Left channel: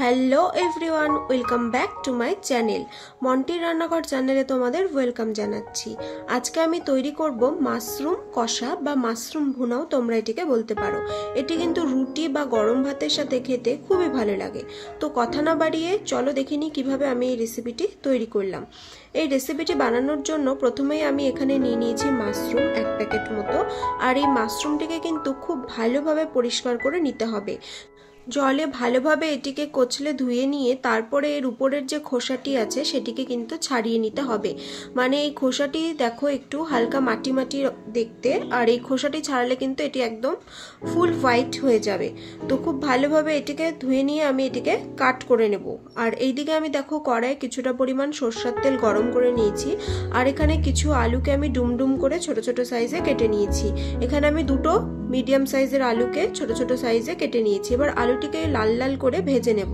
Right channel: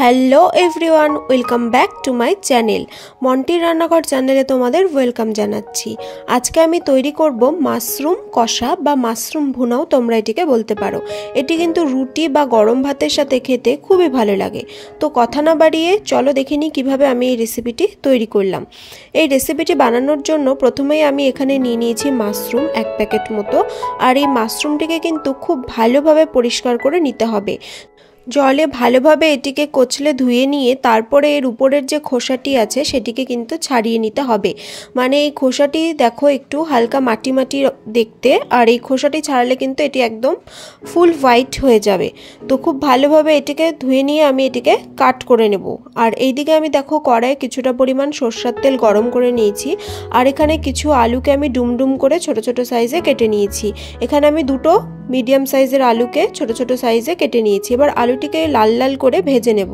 Hello everyone, welcome back to my channel. মন্টির রান্নাঘর চ্যানেলে তোমাদের ওয়েলকাম জানাচ্ছি। আজকে আমি তৈরি করব মাশরুম কষা বা মাশরুম ভুনাও তোমরা এটিকে বলতে পারো। এটি কিন্তু রুটি বা গরম ভাতের সাথে খেতে খুবই ভালো লাগে। তো কথা না বাড়িয়ে চলো দেখে নিই কীভাবে আমি এই রেসিপিটি তৈরি করলাম। এই রেসিপিটি বানানোর জন্য প্রথমেই আমি এখানে নিয়ে নিয়েছি মাশরুম 1 প্যাকেট মতো। আর এই মাশরুমটিকে কিন্তু খুব ভালোভাবে পরিষ্কার করে নিতে হবে। জলে ভালোভাবে এটিকে কচলে ধুয়ে নিয়ে তারপরে এর উপরের যে খোসাটি আছে সেটিকে কিন্তু ছাড়িয়ে নিতে হবে। মানে এই খোসাটি দেখো একটু হালকা মাটি মাটি দেখতে, আর এই খোসাটি ছাড়ালে কিন্তু এটি একদম ফুল হোয়াইট হয়ে যাবে। তো খুব ভালোভাবে এটিকে ধুয়ে নিয়ে আমি এটিকে কাট করে নেব। আর এইদিকে আমি দেখো কড়াইয়ে কিছুটা পরিমাণ সরষের তেল গরম করে নিয়েছি। আর এখানে কিছু আলুকে আমি ডুমডুম করে ছোট ছোট সাইজে কেটে নিয়েছি। এখানে আমি দুটো মিডিয়াম সাইজের আলুকে ছোট ছোট সাইজে কেটে নিয়েছি। এবার আলুটিকে লাল লাল করে ভেজে নেব।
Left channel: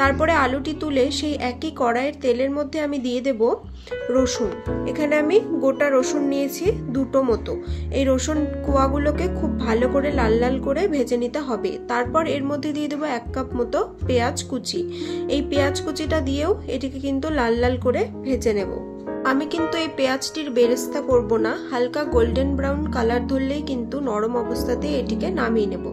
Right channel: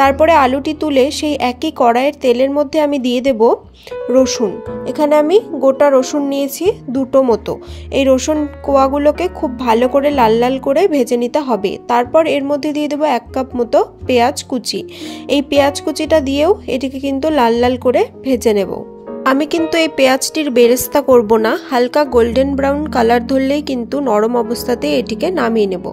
তারপরে আলুটি তুলে সেই একই কড়াইয়ের তেলের মধ্যে আমি দিয়ে দেব রসুন। এখানে আমি গোটা রসুন নিয়েছি দুটো মতো। এই রসুন কোয়াগুলোকে খুব ভালো করে লাল লাল করে ভেজে নিতে হবে। তারপর এর মধ্যে দিয়ে দেবো 1 কাপ মতো পেঁয়াজ কুচি। এই পেঁয়াজ কুচিটা দিয়েও এটিকে কিন্তু লাল লাল করে ভেজে নেব। আমি কিন্তু এই পেঁয়াজটির বেরেস্তা করব না, হালকা গোল্ডেন ব্রাউন কালার ধরলেই কিন্তু নরম অবস্থাতেই এটিকে নামিয়ে নেব।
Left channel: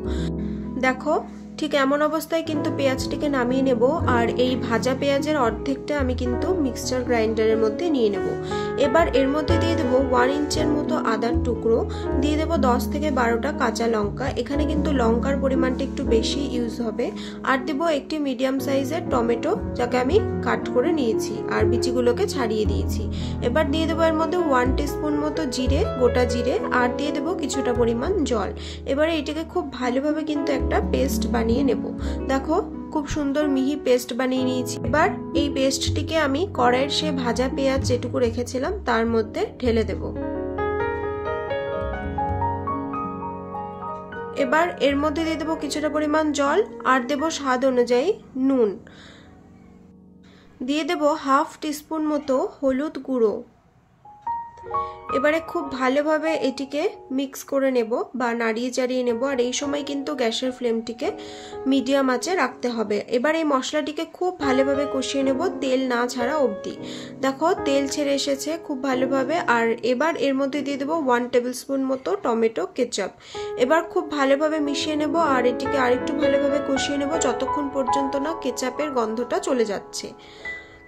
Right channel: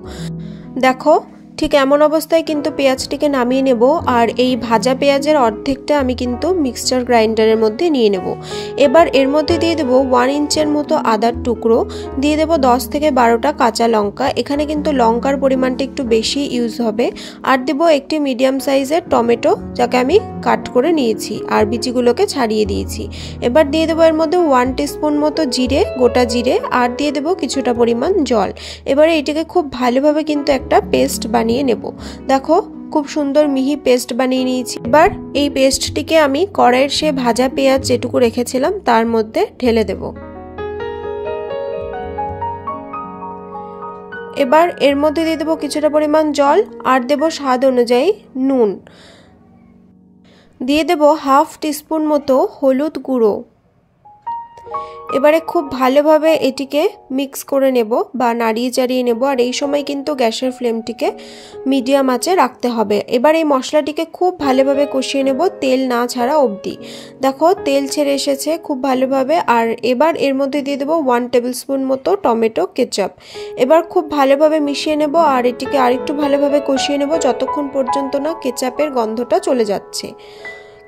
দেখো ঠিক এমন অবস্থায় কিন্তু পেঁয়াজটিকে নামিয়ে নেব। আর এই ভাজা পেঁয়াজের অর্ধেকটা আমি কিন্তু মিক্সচার গ্রাইন্ডারের মধ্যে নিয়ে নেব। এবার এর মধ্যে দিয়ে দেবো 1 ইঞ্চের মতো আদার টুকরো, দিয়ে দেবো 10 থেকে 12টা কাঁচা লঙ্কা। এখানে কিন্তু লঙ্কার পরিমাণটা একটু বেশি ইউজ হবে। আর দেবো একটি মিডিয়াম সাইজের টমেটো, যাকে আমি কাট করে নিয়েছি আর বিচিগুলোকে ছাড়িয়ে দিয়েছি। এবার দিয়ে দেবো এর মধ্যে 1 টিস্পুন মতো জিরে, গোটা জিরে, আর দিয়ে দেবো কিছুটা পরিমাণ জল। এবারে এটাকে খুব ভালোভাবে কিন্তু একটা পেস্ট বানিয়ে নেব। দেখো খুব সুন্দর মিহি পেস্ট বানিয়ে নিয়েছি। এবার এই পেস্টটিকে আমি কড়াইয়ের সে ভাজা পেঁয়াজ যেটুকু রেখেছিলাম তার মধ্যে ঢেলে দেব। এবার এর মধ্যে দিয়ে দেবো কিছুটা পরিমাণ জল, আর দেবো স্বাদ অনুযায়ী নুন, দিয়ে দেবো 1/2 টিস্পুন মতো হলুদ গুঁড়ো। এবারে খুব ভালোভাবে এটিকে মিক্স করে নেব বা নাড়িয়ে চাড়িয়ে নেব। আর এই সময় কিন্তু গ্যাসের ফ্লেমটিকে মিডিয়াম আঁচে রাখতে হবে। এবার এই মশলাটিকে খুব ভালোভাবে কষিয়ে নেব তেল না ছাড়া অবধি। দেখো তেল ছেড়ে এসেছে খুব ভালোভাবে। আর এবার এর মধ্যে দিয়ে দেবো 1 টেবিল স্পুন মতো টমেটো কেচাপ। এবার খুব ভালোভাবে মিশিয়ে নেব আর এটিকে আরেকটু ভালোভাবে কষিয়ে নেব যতক্ষণ পর্যন্ত না কেচাপের গন্ধটা চলে যাচ্ছে।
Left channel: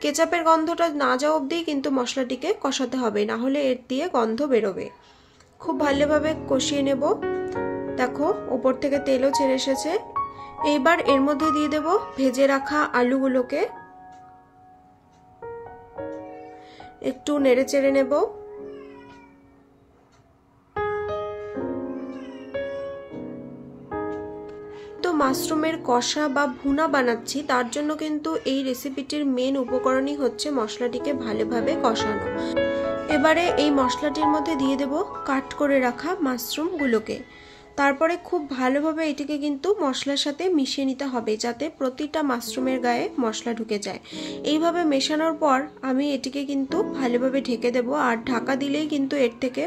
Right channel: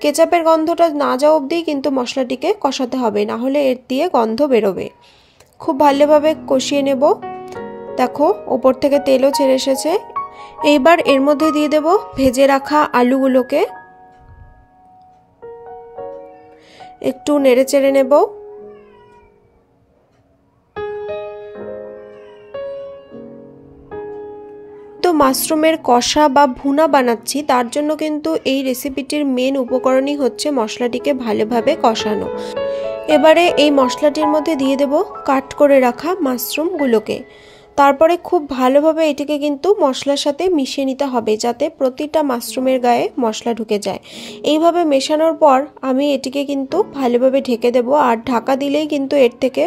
কেচাপের গন্ধটা না যাওয়া অবধি কিন্তু মশলাটিকে কষাতে হবে, না হলে এর দিয়ে গন্ধ বেরোবে। খুব ভালোভাবে কষিয়ে নেব। দেখো ওপর থেকে তেলও ছেড়ে এসেছে। এইবার এর মধ্যে দিয়ে দেব ভেজে রাখা আলুগুলোকে, একটু নেড়ে চেড়ে নেব। তো মাশরুমের কষা বা ভুনা বানাচ্ছি, তার জন্য কিন্তু এই রেসিপিটির মেন উপকরণই হচ্ছে মশলাটিকে ভালোভাবে কষানো। এবারে এই মশলাটির মধ্যে দিয়ে দেব কাট করে রাখা মাশরুমগুলোকে। তারপরে খুব ভালোভাবে এটিকে কিন্তু মশলার সাথে মিশিয়ে নিতে হবে যাতে প্রতিটা মাশরুমের গায়ে মশলা ঢুকে যায়। এইভাবে মেশানোর পর আমি এটিকে কিন্তু ভালোভাবে ঢেকে দেব। আর ঢাকা দিলেই কিন্তু এর থেকে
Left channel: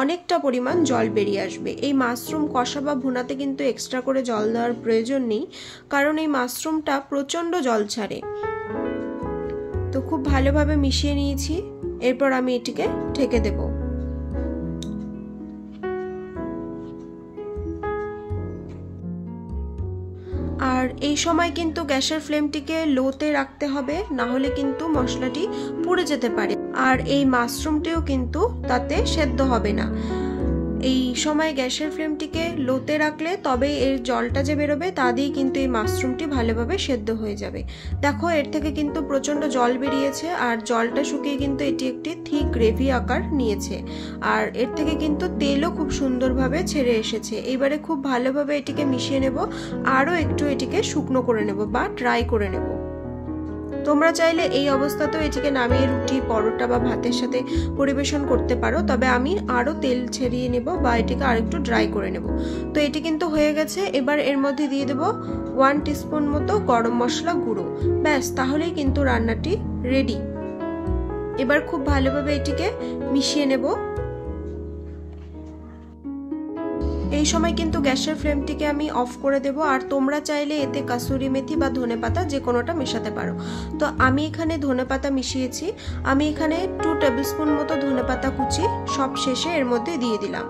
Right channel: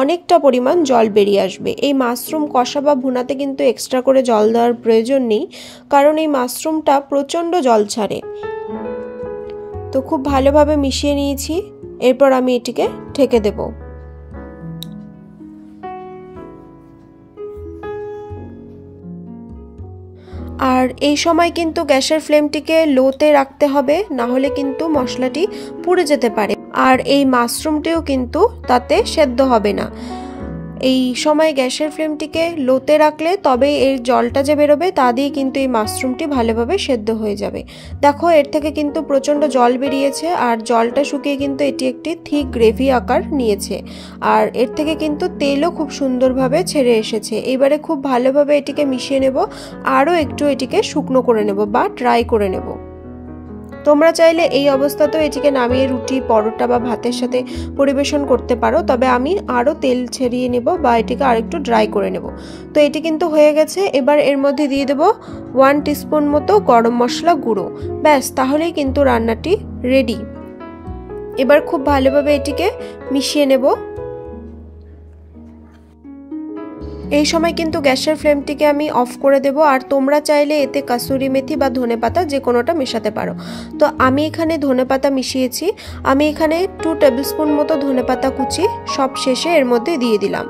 অনেকটা পরিমাণ জল বেরিয়ে আসবে। এই মাশরুম কষা বা ভুনাতে কিন্তু এক্সট্রা করে জল দেওয়ার প্রয়োজন নেই, কারণ এই মাশরুমটা প্রচণ্ড জল ছাড়ে। তো খুব ভালোভাবে মিশিয়ে নিয়েছি। এরপর আমি এটিকে ঢেকে দেব। আর এই সময় কিন্তু গ্যাসের ফ্লেমটিকে লোতে রাখতে হবে, না হলে কিন্তু মশলাটি পুড়ে যেতে পারে। আর এই মাশরুমটিও কিন্তু তাতে সেদ্ধ হবে না। এই সময় গ্যাসের ফ্লেমটিকে লোতে রাখলে তবে এর জলটা যে বেরোবে তা দিয়ে কিন্তু এই মাশরুমটি ভালোভাবে সেদ্ধ হয়ে যাবে। দেখো এর থেকে কিন্তু প্রচণ্ড জল বেরিয়েছে আর জলটা শুকিয়ে কিন্তু এটি একটি থিক গ্রেভি আকার নিয়েছে। আর এর থেকে কিন্তু তেলও খুব সুন্দরভাবে ছেড়ে এসেছে। এবারে খুব ভালোভাবে এটিকে মিশিয়ে নেব, আরও একটু এটিকে শুকনো করে নেব বা ড্রাই করে নেব। তোমরা চাইলে এই অবস্থাতেও এটিকে নামিয়ে রুটি, পরোটা বা ভাতের সাথে পরিবেশন করতে পারো, তবে আমি আরও তেল ছেড়িয়ে নেব বা এটিকে আরেকটু ড্রাই করে নেব। তো এটি কিন্তু হয়ে গেছে। এবার এর মধ্যে দিয়ে দেব 1 টিস্পুন মতো গরম মশলা গুঁড়ো। ব্যাস, তাহলেই কিন্তু রান্নাটি রেডি। এবার খুব ভালোভাবে এটিকে মিশিয়ে নেব। এই সময় কিন্তু গ্যাসের ফ্লেমটিকে আমি অফ করে দেব। আর তোমরা চাইলে এতে কাসুরি মেথি বা ধনেপাতা যে কোনোটা মেশাতে পারো। তো আমি এখানে ধনেপাতা মিশিয়েছি। আমি এখানে 2 টেবিলস্পুন মতো ধনেপাতা কুচি সব শেষে এর মধ্যে দিয়ে দিলাম।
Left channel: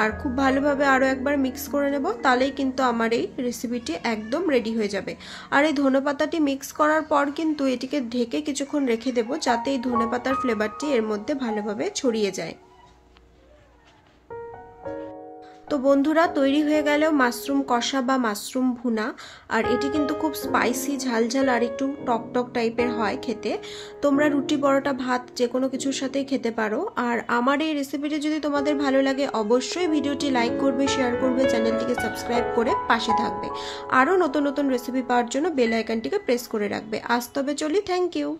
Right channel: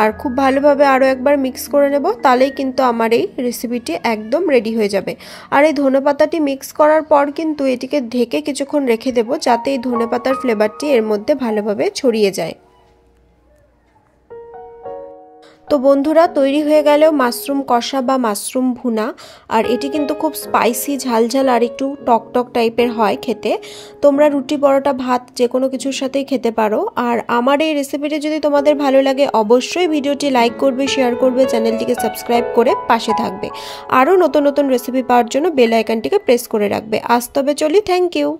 আর খুব ভালোভাবে আরও একবার মিক্স করে নেব, তাহলেই কিন্তু আমার এই রেসিপিটি একদম রেডি হয়ে যাবে। আর এই ধনেপাতাটি মিক্স করার পর কিন্তু এটিকে ঢেকে কিছুক্ষণ রেখে দেব, যাতে এই ধনেপাতার ফ্লেভারটি এর মধ্যে ভালোভাবে ছড়িয়ে যায়। তো বন্ধুরা, তৈরি হয়ে গেল মাশরুম কষা বা মাশরুম ভুনা। আর এটি কিন্তু খুব স্পাইসি, ঝালঝাল আর একটু টকটক টাইপের হয় খেতে। তোমরা রুটি, পরোটা, ভাত যে কোনো কিছুর সাথেই খেতে পারো। আর আমার এই রেসিপিটি যদি তোমাদের ভালো লাগে, অবশ্যই ভিডিওটি লাইক করবে, শেয়ার করবে, চ্যানেলটিকে সাবস্ক্রাইব করে পাশে থাকবে। আরও নতুন নতুন রেসিপি পাওয়ার জন্য বেল আইকনটিকে প্রেস করে রাখবে। আজ তবে চলি, থ্যাংক ইউ।